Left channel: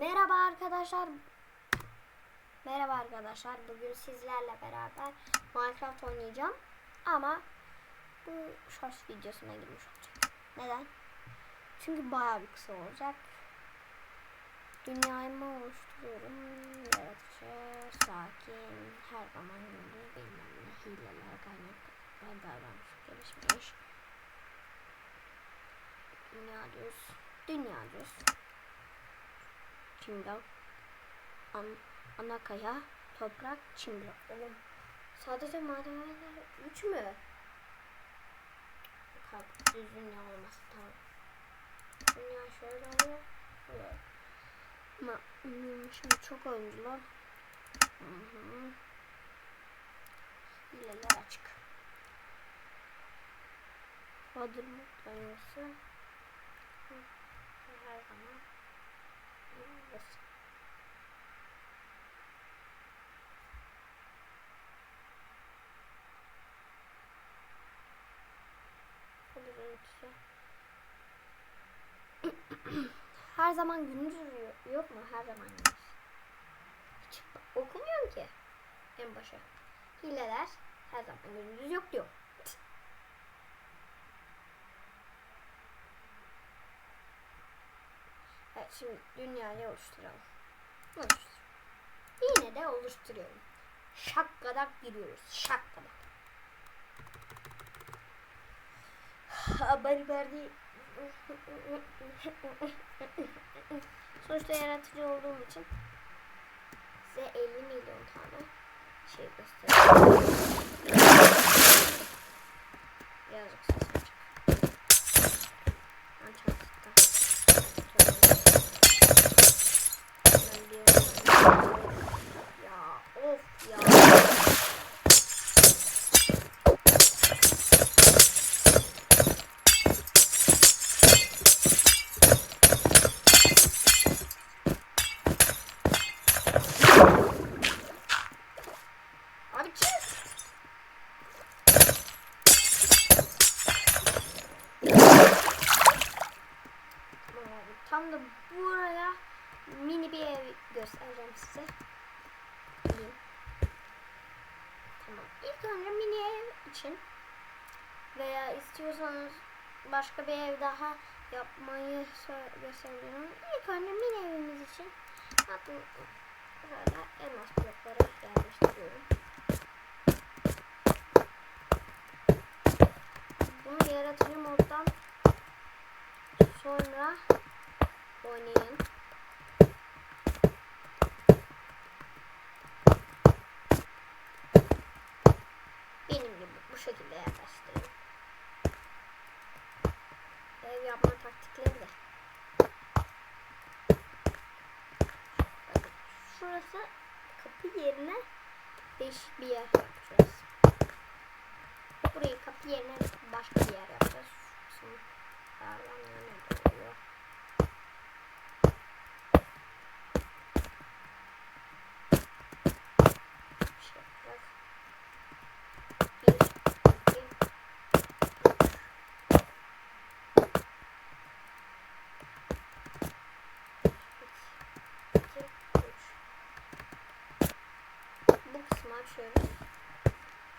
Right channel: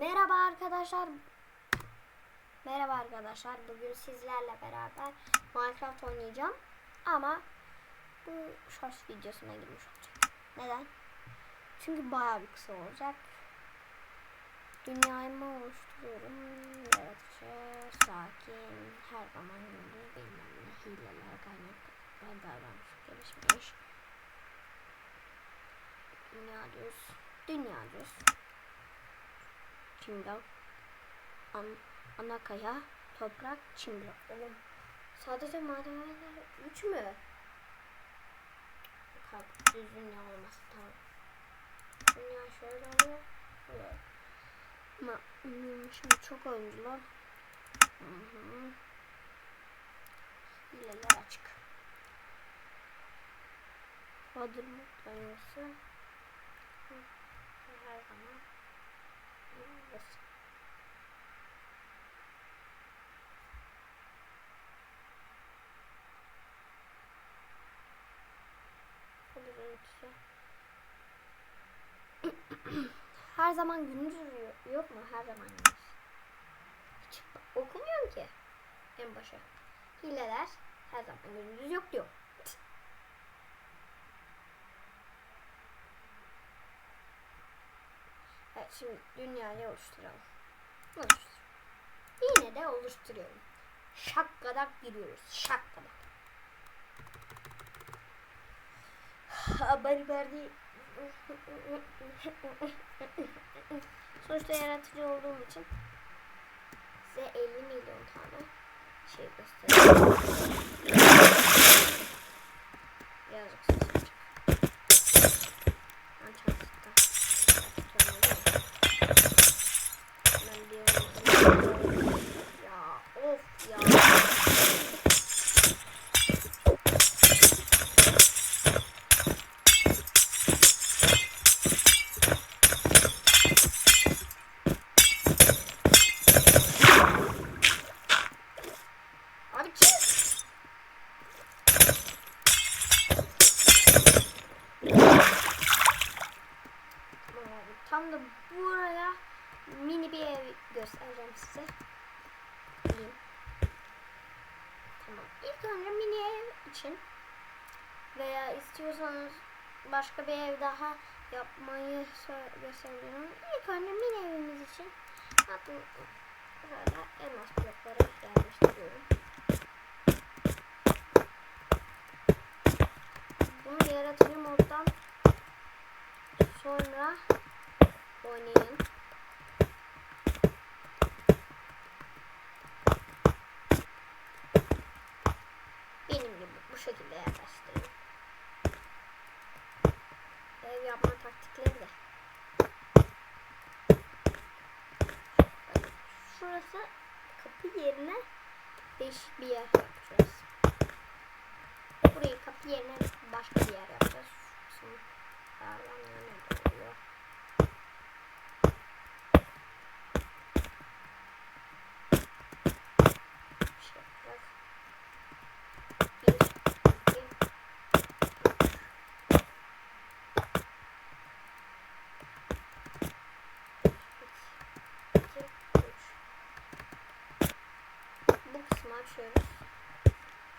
Merhaba arkadaşlar. Merhaba arkadaşlar. Bugün sizlerle beraber Minecraft oynayacağım. Ama bu shorts videosuna girmiş olacak. Neden? Çünkü bayağı bir kısa olacak. Dünyayı mı oluşturuyorum? Yaratıcı, sakin, her zaman gündüz bilmem ne, hileler, kaynaklar, davranış, gelişmiş. Dünya düz, dünya düz. Çimdal, an, ana kaya, toprak, çimdal. Oğlum sadece madenler 3 mü? Kalk düz dünya olması tamam. Dünya şöyle oluyor. Ama ım, şimdi çok oyuncular. Hı hı. Hileler açık. Badır mutlanıyorsa her zaman burası. Badır örüntüsü. Her zaman gündüz yo- yok mu? Her zaman gündüz. Hiç okumuyorum ki. En başa. Hileler her zaman gündüz yok diyor. Evet şimdi dünyayı oluşturalım. Oluştur. Yine de oluşturuyorum. Şakkadak giriyoruz. Şakkadak. Haberi verdi. Sonuçta yaratıcı olduğum için size 50 milyon tane şey göstereceğim. Birazcık ses açık. Ben çarpıttım. Ben bir yere- Ya of ya. Abi çık. Tamam abi, Tam da buraya mini bir ev göstereceğim size. Gelin. Tamam. İlk önce mini ev için veya istiyorsanız başka bir ev daha yapmayı gösteriyorum. İlk önce mini evimiz için bakın böyle elmas blokları yerleştiriyorum. Bunu yaratıcı moddan sonra oynayın. Benim gibi bu şekilde yerleştirin. Ev yapma taktikleri de. Şurası kapı yerine değişik bir yer yapacağız. Burayı kapı yerine başka bir yer yapacağız. Şimdi Pardon ne oluyor? Bir şey yapacağız. Bir, iki, üç. İki, üç. Bu kısmı açıyoruz.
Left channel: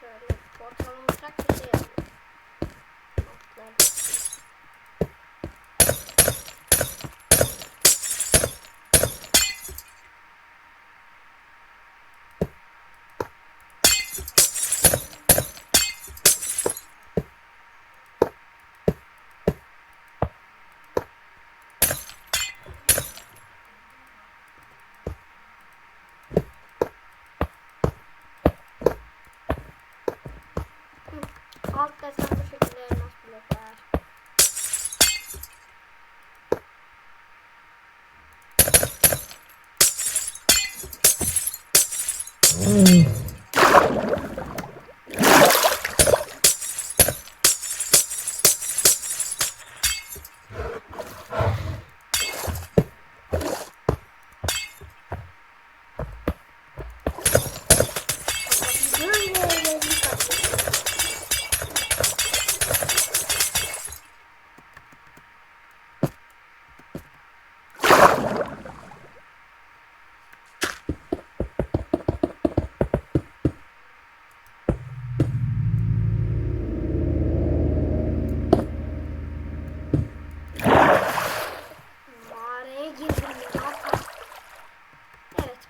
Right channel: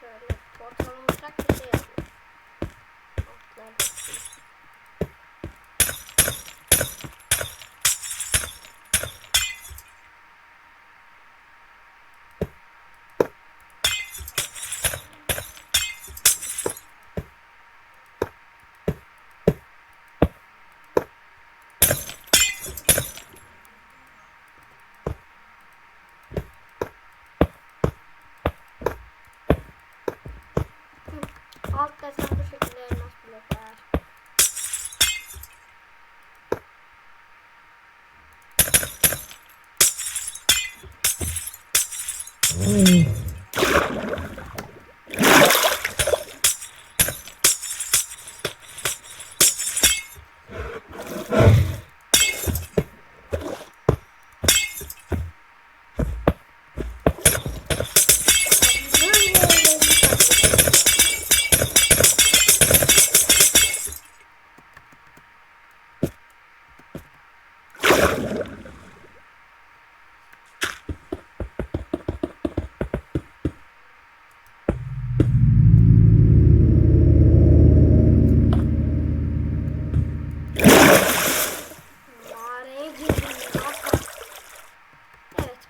Şöyle portal olacak bir şey yapıyoruz. Altlar Alt desen bu şekilde elmas. Böyle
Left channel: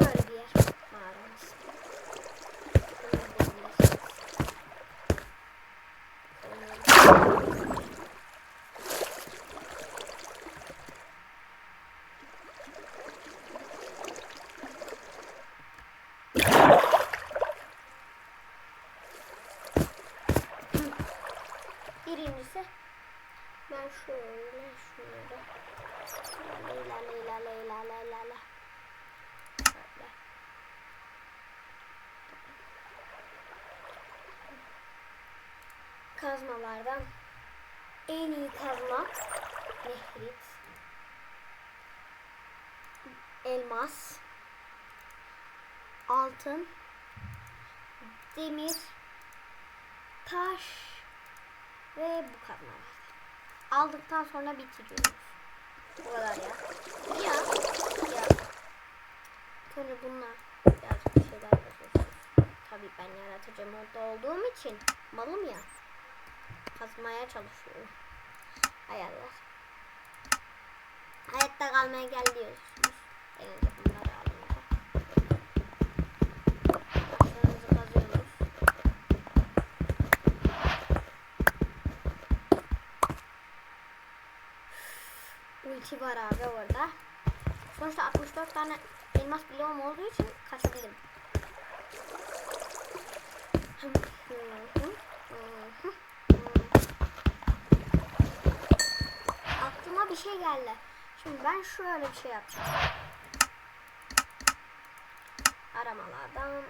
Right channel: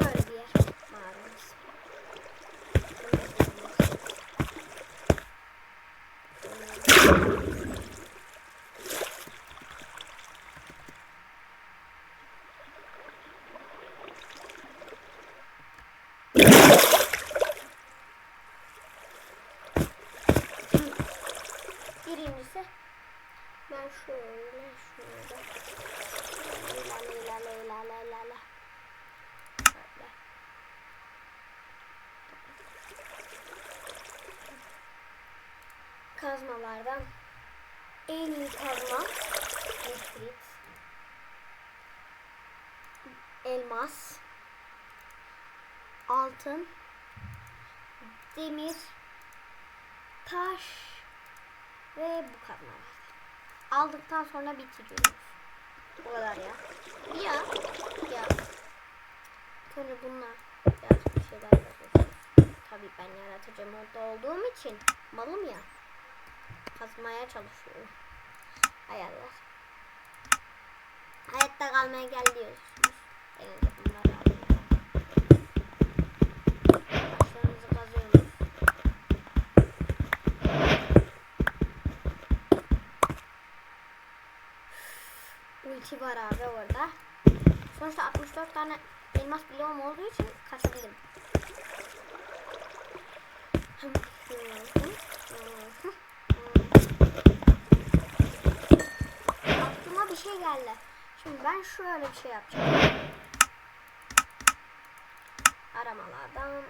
Böyle bir yer mağaramız. Birincisi ben şöyle şöyle la la la la la la la la Kazmalardan en iyi kazma nefrit. Elmas. Altın. Demir. Taş. Ve bu kazmalar. Aldıktan sonra bitiriyoruz. Bu kadar ya. Ya. Ya. Sonra bunlar birazcık bir şeyler yapıyorsunuz. Tabii ben yaratıcı modda olduğum için malım ya. Kazmaya çalışıyorum. Hayaller. Hayatta kalmaya gel. Taşlarınızı kazıyorsunuz. Ulti var abi orada. Sonuçta 64 tane elmas bloğum olduğu için kaçabilirim. Bir şey geldi. Şimdi ben şöyle bir şey yapacağım. Aramalardan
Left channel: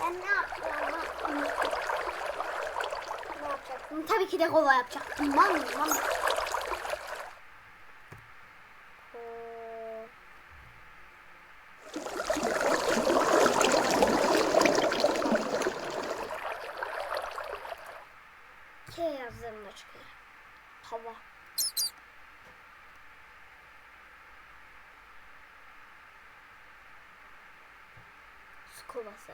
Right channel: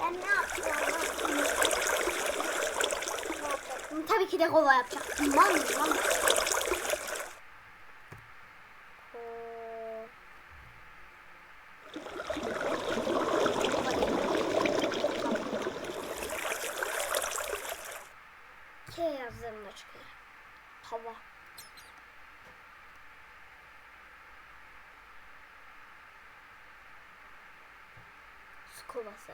Ben ne yapıyorum lan? Unuttum. Ne yapacaktım? Tabii ki de kova yapacaktım. Lan. Ko- Kova değil. Hava. K yazdığımda çıkıyor. Hava. Su kovası.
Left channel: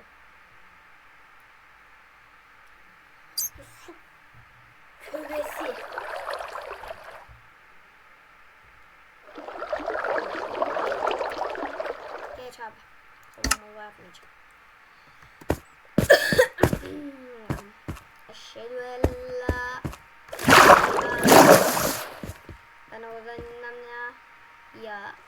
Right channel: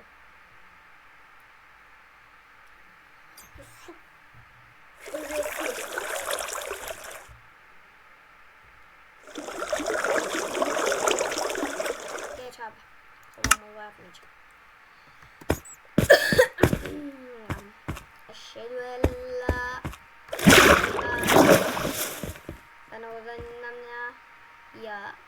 Su küresi. Geç abi. Tamam o yapmayacağım. Eşhedü en la Ben o zaman ya. Ya.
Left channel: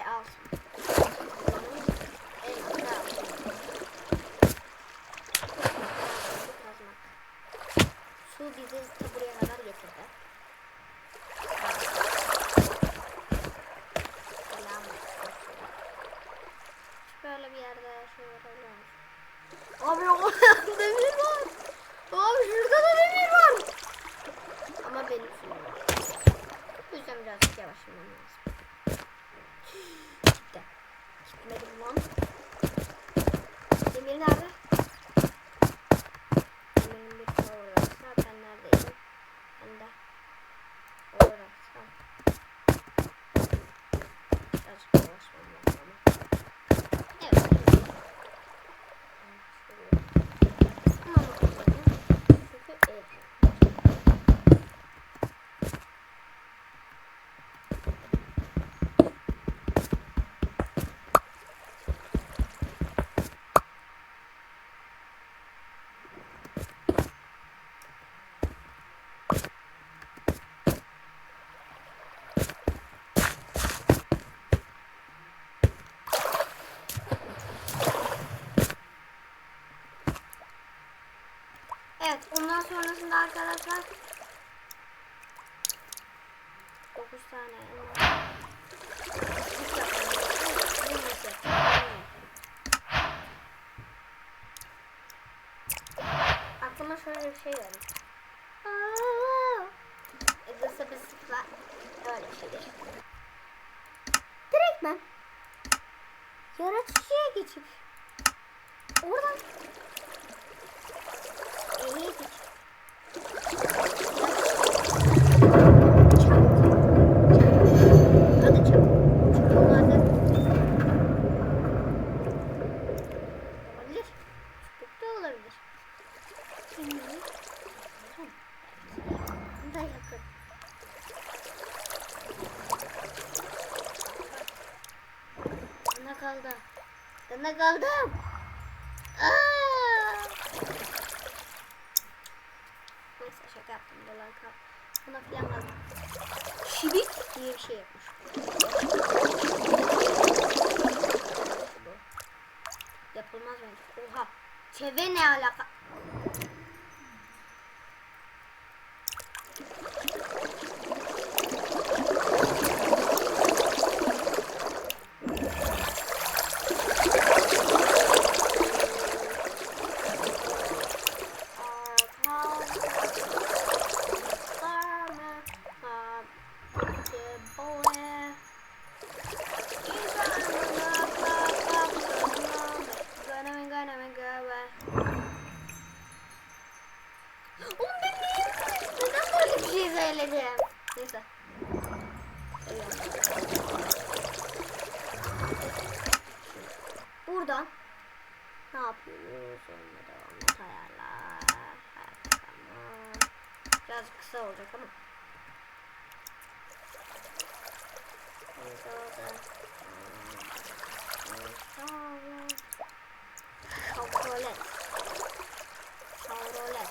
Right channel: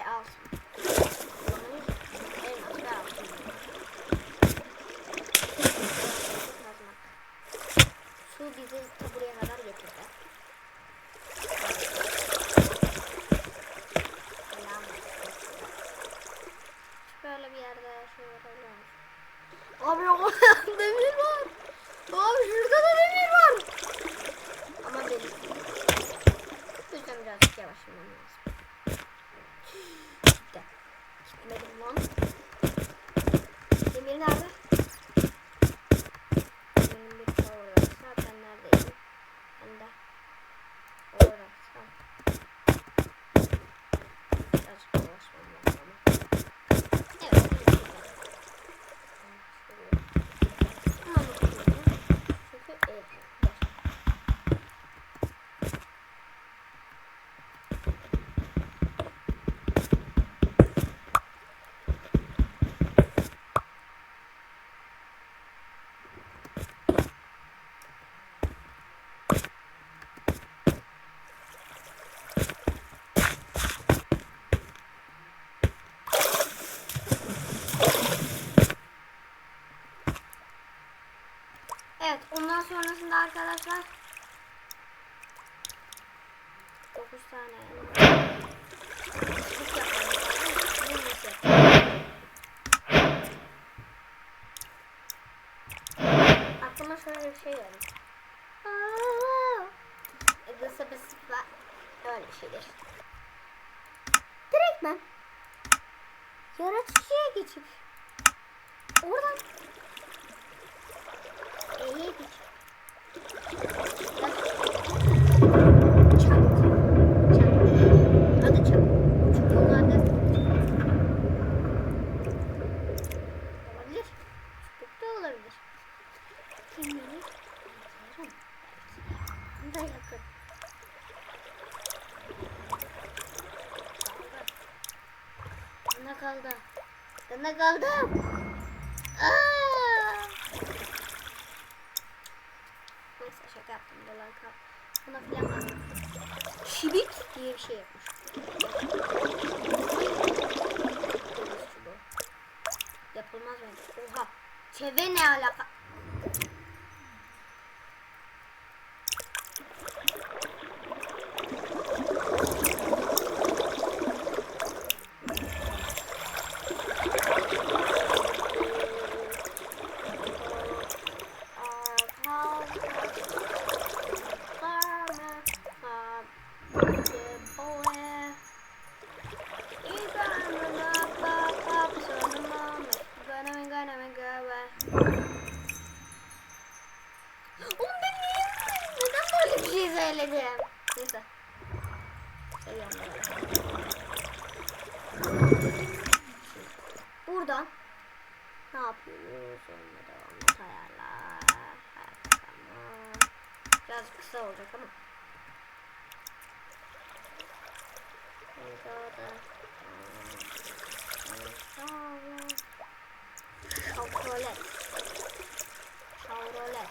Ve altın. Bulamayız. Elmas ve altın altınları kazmak. Su bizi ta buraya kadar getirdi. Selam olsun suya. Böyle bir yerde yaşıyor olabilir Abi o demir var. Abi şurada da demir var. Ama beni sürüyor. O yüzden birazcık yavaşlamam lazım. Gitmedim lan. Demir nerede? Evet ondan sonrasında arkadaşlar 9 tane Aklıma şöyle bir şey geldi. Nasıl bir sıfla öyle bir şeydir. Direkt ben yaratıcıya geçip oradan Geçip yaratıcı Çabuk. Çabuk. Adı çabuk. Çubuğun adı olabilir. Çubuk da olabilir. Kim bilir? Belki da yakın. Kaldı. Bana kaldı. Bana kaldım. Neyse şaka yaptım. Dolar kal. Buna filan kalmaz. Şibik diye bir şey yapmış. Yapılmaz bence. Oha. Çeve ne alaka? Oğlum ben niye neden böyle bir şey söyledim? Neyse. Seviyorum böyle. Buradan ne yapıyoruz? Onunla devam et ayarlar. Hayatta kalma. Biraz kısa olacak ama. Şavrolet. Şavrolet.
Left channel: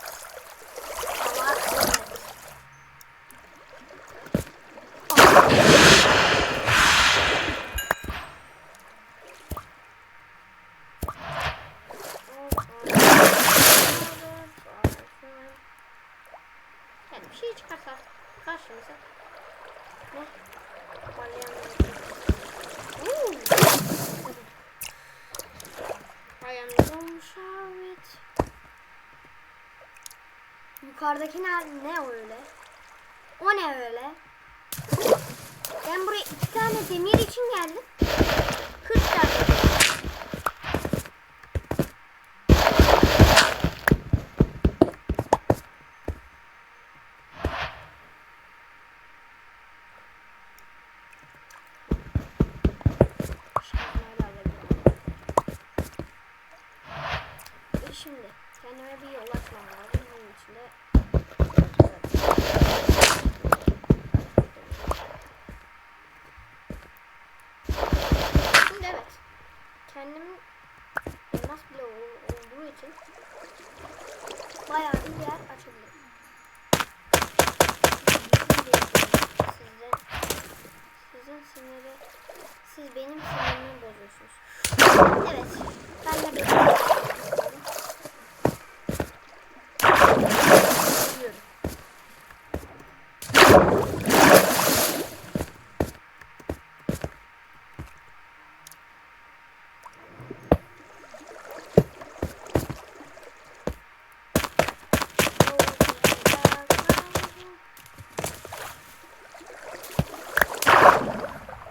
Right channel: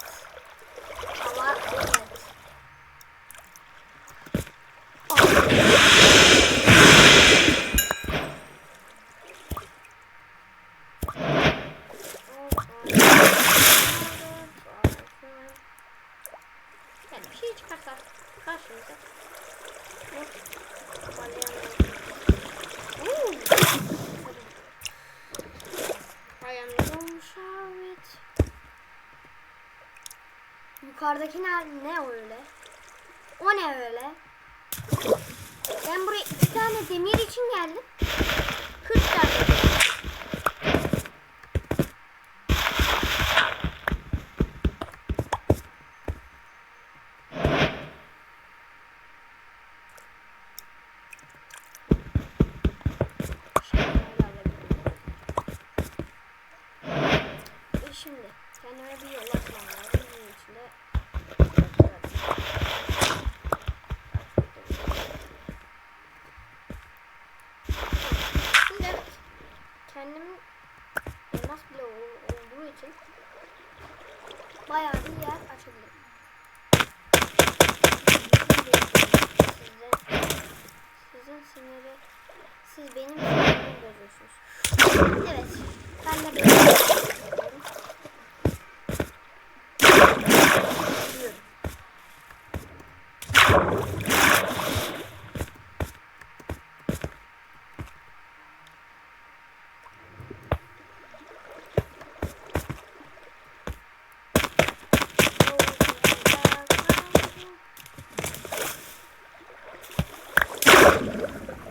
Şavar evet. Yani bir şey çıkarsa karşımıza bu parlayan Uuu. Gonna show it. Yukarıdaki ne, ne öyle? O ne öyle? Ben buraya iki tane demir için geldim. 40 tane demir. Şunları alabilirim. Ve şimdi kendime bir yol açmam lazım. Bunun için de Şimdi evet. Kendim elmas bile ol- olduğu için bayağı bir yer açabilirim. Sizin, sizin siniri siz benim sinirimi bozuyorsunuz. Evet. Ben de benim sinirimi bozuyorum. Biliyorum.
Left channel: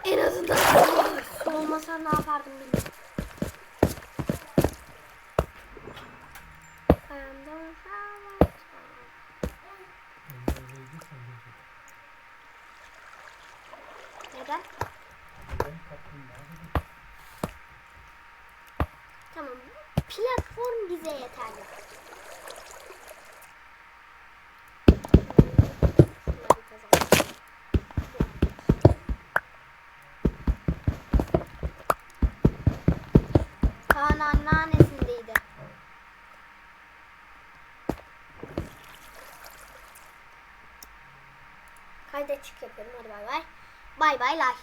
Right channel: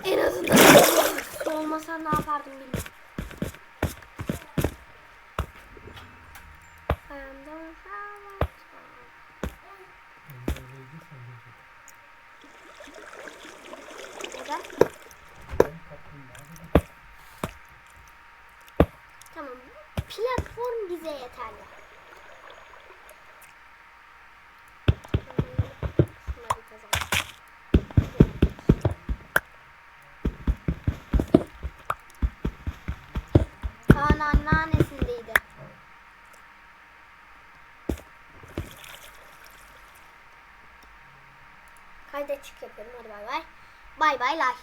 En azından su olmasa ne yapardım bilmiyorum. I'm the flower. Neden? Tamam. Platform bize yeterli. Kayda çık yapıyorum. Hadi bay bay. Bay bay like.